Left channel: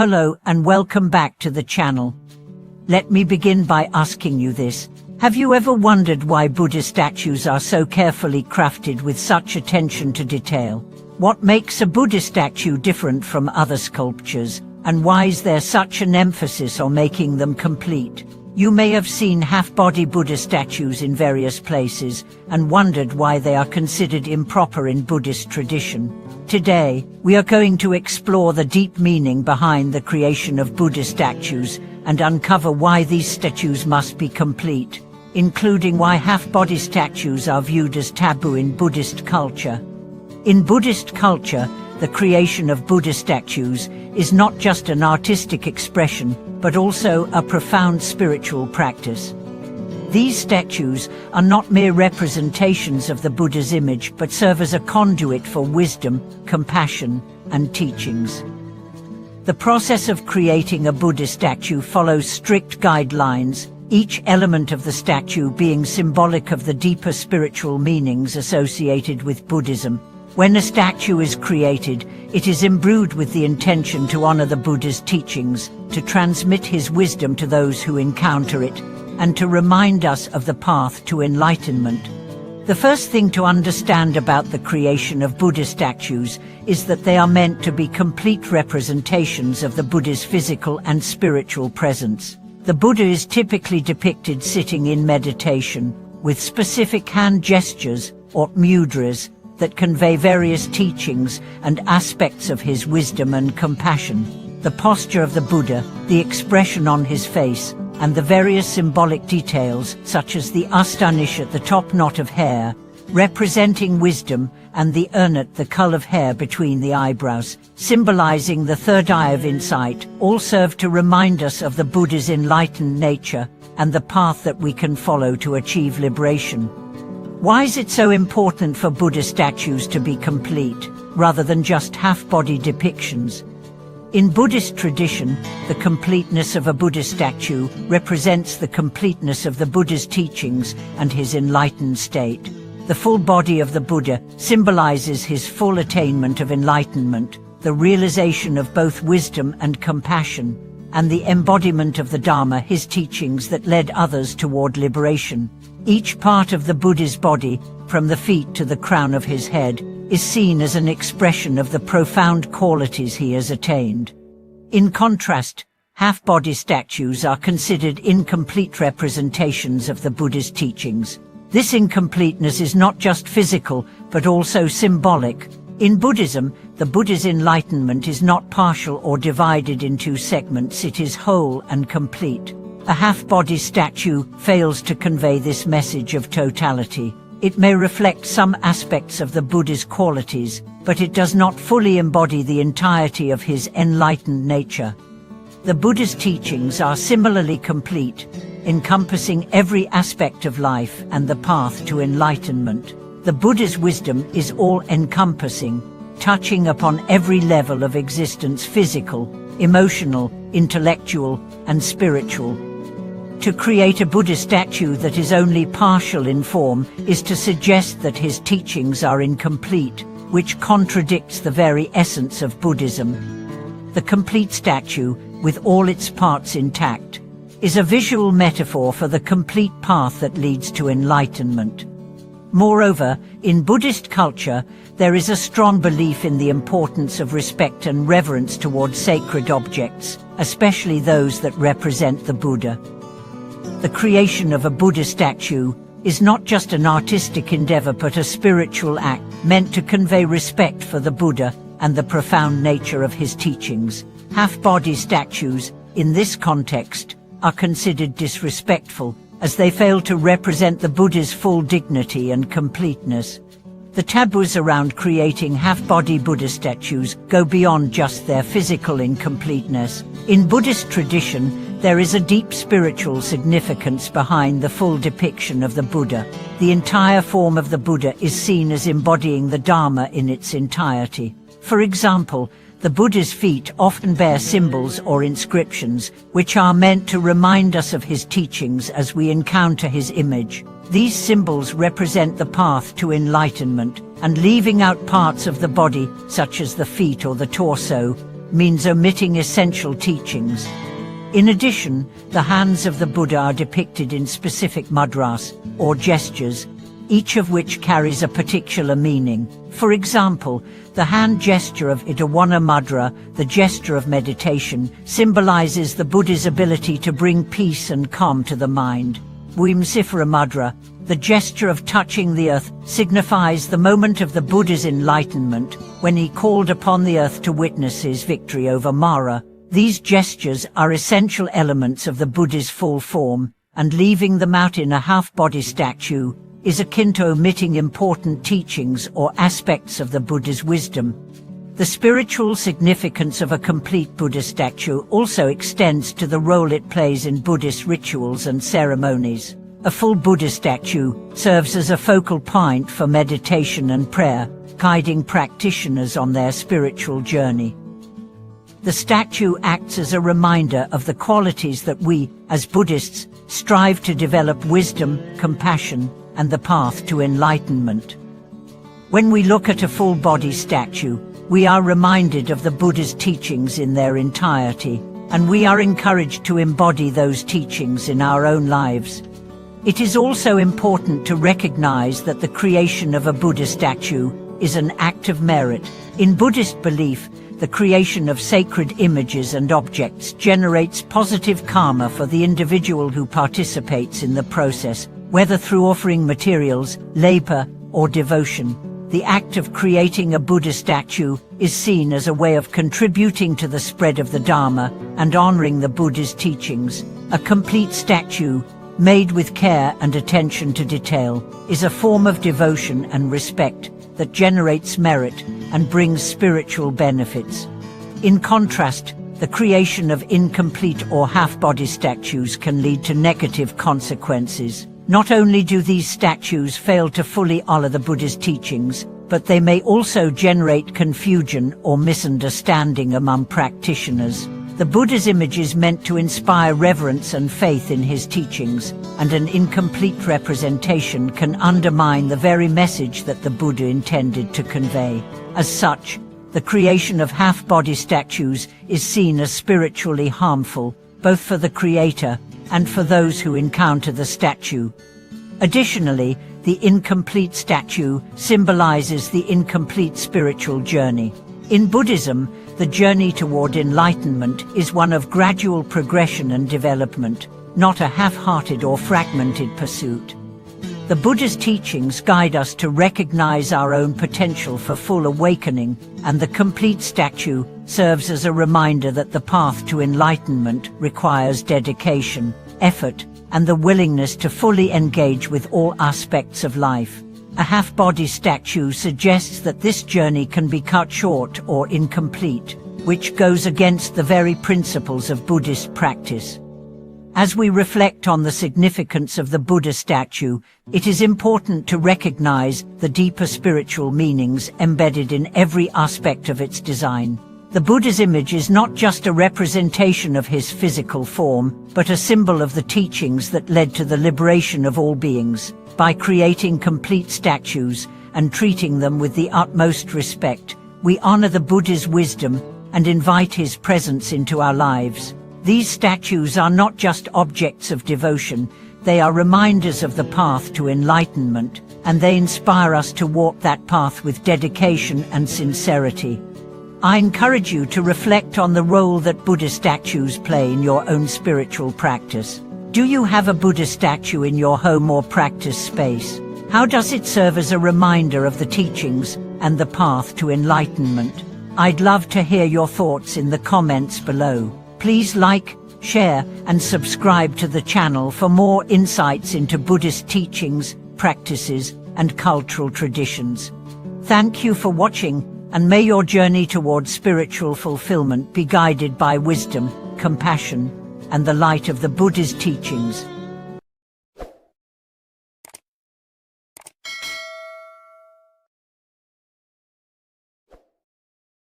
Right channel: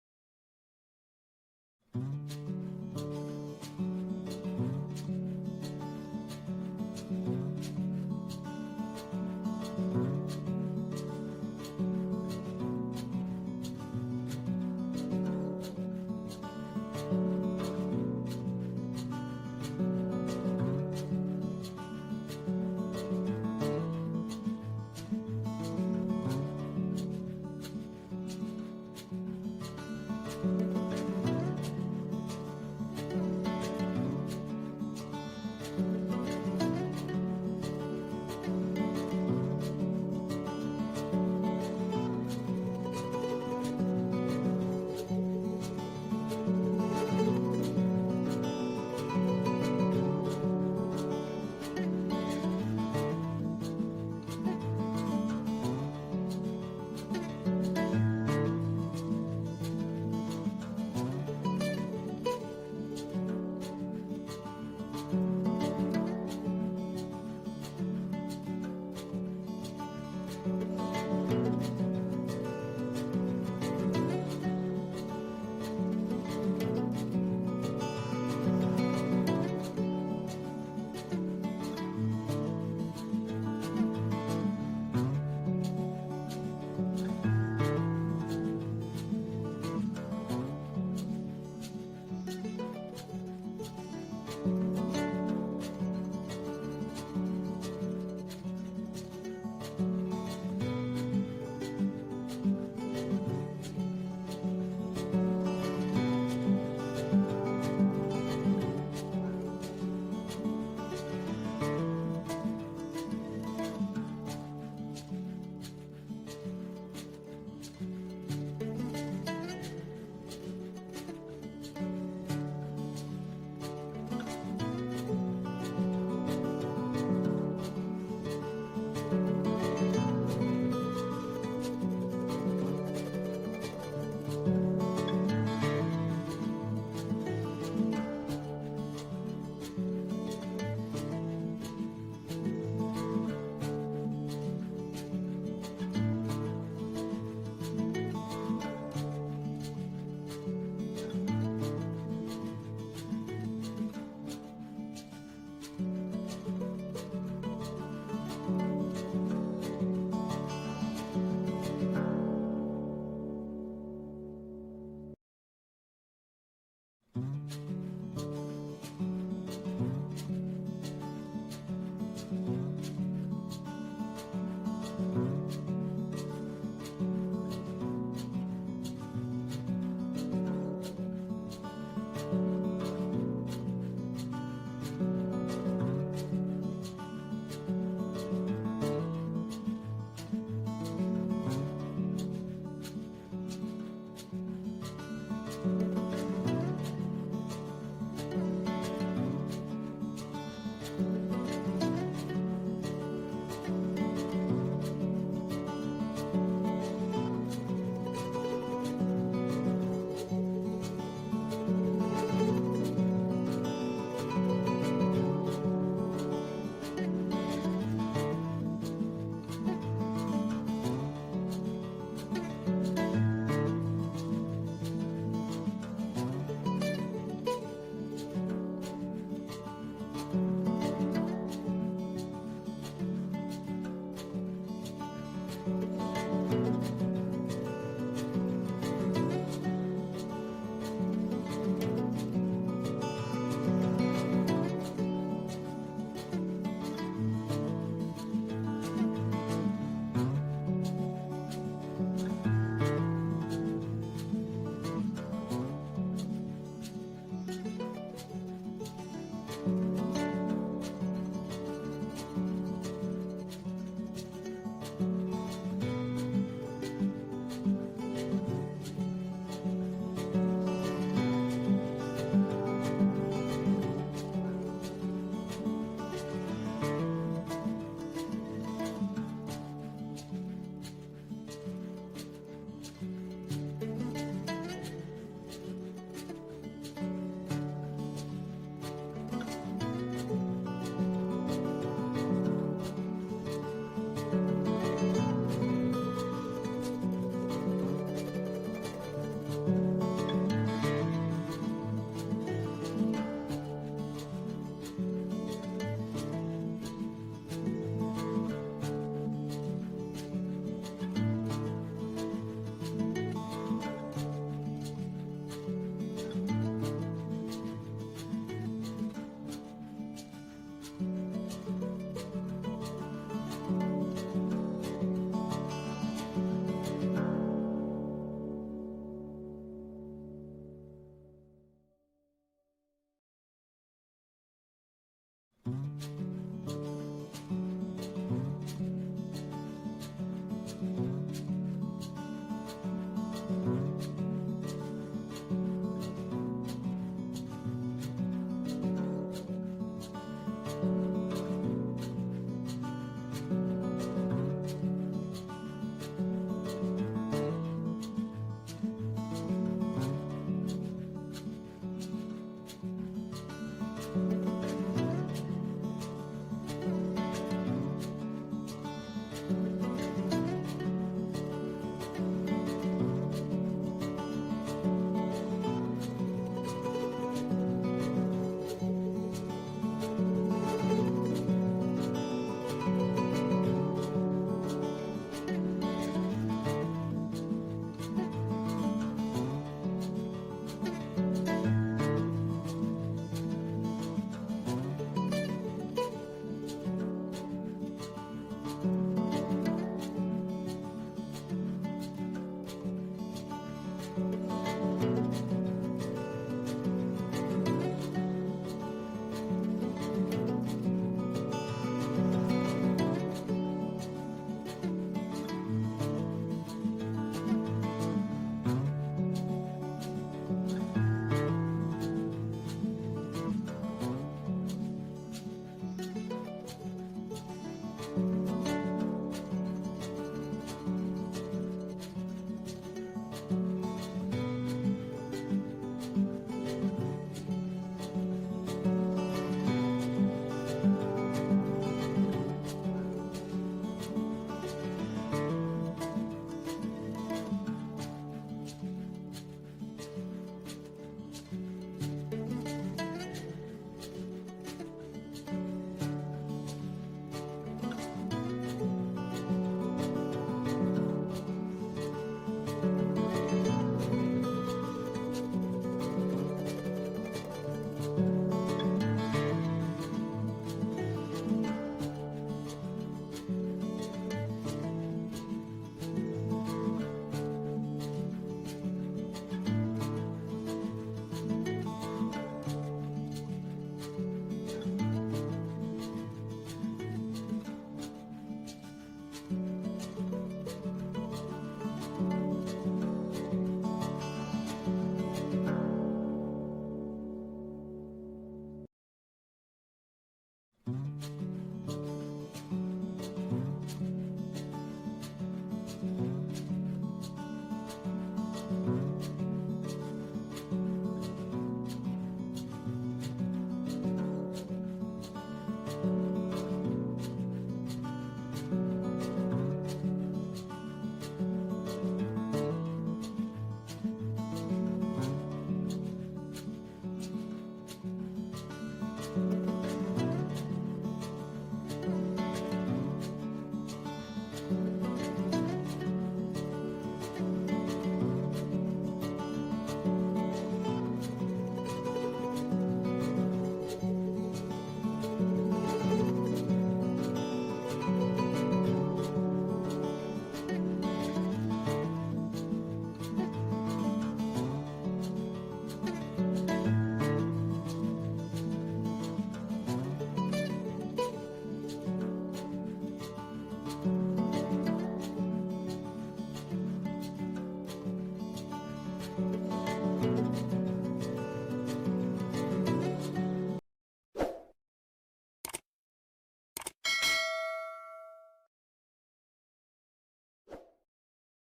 Hello and welcome back to the channel. Let me begin by asking you this. Have you ever wondered why Buddha statues are so carefully crafted with such attention to detail? What makes a Buddha statue different from other sculptures, and why is there such an emphasis on making them complete? You may have seen half-body Buddha statues in various places and wondered why they are considered improper in Buddhist tradition. Today, we are going to explore the deep meaning behind the creation of Buddha statues and uncover why these statues must be complete, including why half-body statues are viewed as taboo in Buddhist culture. In Buddhist culture, the creation of Buddha statues is not just an artistic expression, but also a profound spiritual practice. These statues are not mere representations of the Buddha's image, but serve as a conduit for wisdom, compassion, and teachings. The process of creating a Buddha statue follows strict guidelines, each element of the statue being symbolic of the deeper spiritual meanings associated with Buddhism. When a statue is created, it is imbued with the intention to honor the Buddha's teachings, to transmit his wisdom to those who encounter it, and to remind us of the path to enlightenment. The first thing to understand about the creation of Buddha statues is that they are meant to be complete representations of the Buddha's physical and spiritual presence. The Buddha is typically depicted sitting in meditation, with specific hand gestures, or mudras, that convey various teachings and aspects of his wisdom and compassion. The posture of the Buddha, the expression on his face, and the various symbolic details, such as the astanish at the top knot of hair, representing wisdom, and the urnat, the cull of hair between the eyebrows, symbolizing the third eye of insight, all serve to remind us of the Buddha's enlightened nature and the path that we can follow to achieve liberation. Why is it so important for Buddha statues to be complete, rather than just half-body depictions? In Buddhist tradition, the completeness of a Buddha statue represents the completeness of the Buddha's teachings and his enlightened state. The full body of the Buddha symbolizes his full attainment of enlightenment, the realization of both wisdom and compassion, and the embodiment of the Dharma, his teachings that led others toward liberation. Each part of the Buddha's body, from the feet to the crown of his head, is seen as an expression of the profound qualities he has attained. In contrast, half-body statues are considered incomplete representations of the Buddha's teachings. This incompleteness is not just physical, but also symbolic. In Buddhism, the Buddha's enlightenment is not partial or divided into segments, it is whole and complete. A half-body statue fails to convey this message of totality. It may reflect some aspects of the Buddha's qualities, but it does not fully embody the entirety of his enlightened nature. The Buddha's teachings are similarly complete, encompassing every aspect of life and the path to enlightenment. The Buddha's wisdom is all-encompassing, touching upon every level of existence: physical, emotional, intellectual, and spiritual. To create a Buddha statue that is only partial in form is to suggest that his teachings are incomplete, which contradicts the very essence of Buddhism. The complete statue, with all its parts intact, is a visual metaphor for the complete path that leads to enlightenment. Moreover, in Buddhist culture, there is a strong belief in the importance of respect and reverence towards sacred objects, especially those that represent the Buddha. The creation of a Buddha statue is not just an artistic endeavor but a spiritual act meant to convey respect for the Buddha and the profound nature of his teachings. Half-body statues, in this context, are considered disrespectful, as they fail to represent the Buddha's full dignity and completeness. The taboos around creating half-body Buddha statues go beyond just their physical incompleteness. In Buddhist tradition, there is a deep spiritual significance behind the full depiction of the Buddha. The entire form of the Buddha is seen as embodying the Dharma in its entirety. For example, the Buddha's feet often bear symbols or inscriptions, which are meant to remind us of his teachings as we encounter his image. These symbols represent the path to enlightenment, and leaving out parts of the body, such as the feet or the torso, means omitting essential teachings. In addition, the hands of the Buddha are depicted in specific mudras, or gestures, each of which carries a particular meaning. For example, the hand gesture of Itawana Mudra, the gesture of meditation, symbolizes the Buddha's ability to bring peace and calm to the mind. Wimsifara Mudra, the gesture of touching the earth, signifies the moment of the Buddha's enlightenment, when he called upon the earth to witness his victory over Mara. These gestures are essential elements of the Buddha's full form, and leaving them out in a half-body statue is akin to omitting important teachings or aspects of the Buddha's wisdom. The spiritual significance of a complete Buddha statue also extends to the role it plays in Buddhist rituals and ceremonies. A full Buddha statue serves as a focal point for meditation and prayer, guiding practitioners on their spiritual journey. The statue acts as a reminder of the qualities that we, as Buddhists, strive to develop: wisdom, compassion, and the path to enlightenment. When we look at a full-body statue, we are reminded of the Buddha's teachings in their entirety, and we are encouraged to embody those teachings in our own lives. It is also important to recognize that the creation of a Buddha statue is an act of merit. In Buddhist belief, the creation of sacred images and objects generates positive karma for the individual who participates in the process, whether through offering materials, labor, or devotion. The act of creating a Buddha statue is seen as a way of contributing to the spread of the Dharma and honoring the Buddha's teachings. A complete statue, made with care and attention to detail, is a form of devotion and respect that generates merit and brings spiritual benefits. In contrast, the creation of incomplete or half-body statues can lead to negative consequences. Not only do these statues fail to fully honor the Buddha's teachings, but they may also generate confusion or misunderstanding among practitioners. The Buddha's image is meant to inspire reverence and faith in his teachings, and an incomplete representation can undermine the very message that the Buddha intended to convey. As such, the creation of half-body statues is seen as spiritually harmful, both for the creator and for those who encounter the statue. Additionally, the incomplete statue symbolizes the incomplete spiritual journey. In Buddhism, the journey toward enlightenment is one of gradual progression and development, not a half-hearted or fragmented pursuit. The Buddha's teachings guide us to recognize our own potential for full awakening, and the complete statue serves as a reminder that the path to enlightenment requires dedication, effort, and the willingness to fully engage with all aspects of life. A half-body statue suggests that this journey can be cut short or incomplete, which goes against the very principles of Buddhist practice. As we reflect on the significance of the Buddha statue, it is important to recognize the deeper spiritual meanings embedded in every aspect of its design. The Buddha's image is not just a representation of his physical form, but a symbol of the teachings that led to the liberation of all beings. By creating complete statues and treating them with the utmost respect, we honor the Buddha's wisdom and invite his presence into our lives. These statues are not just objects of devotion, they are reminders of the path to enlightenment, and they inspire us to walk that path with dedication and sincerity. I encourage you to reflect on the role that Buddha statues play in your own spiritual practice. Do you have a Buddha statue in your home or practice space? How does it serve as a reminder of the teachings and the path to enlightenment? I'd love to hear your thoughts in the comments below. Please like, share, and subscribe to the channel for more insights into Buddhist teachings, practices, and cultural traditions. Thank you for watching, and may your journey towards spiritual fulfillment be guided by wisdom, compassion, and the light of the Buddha's teachings.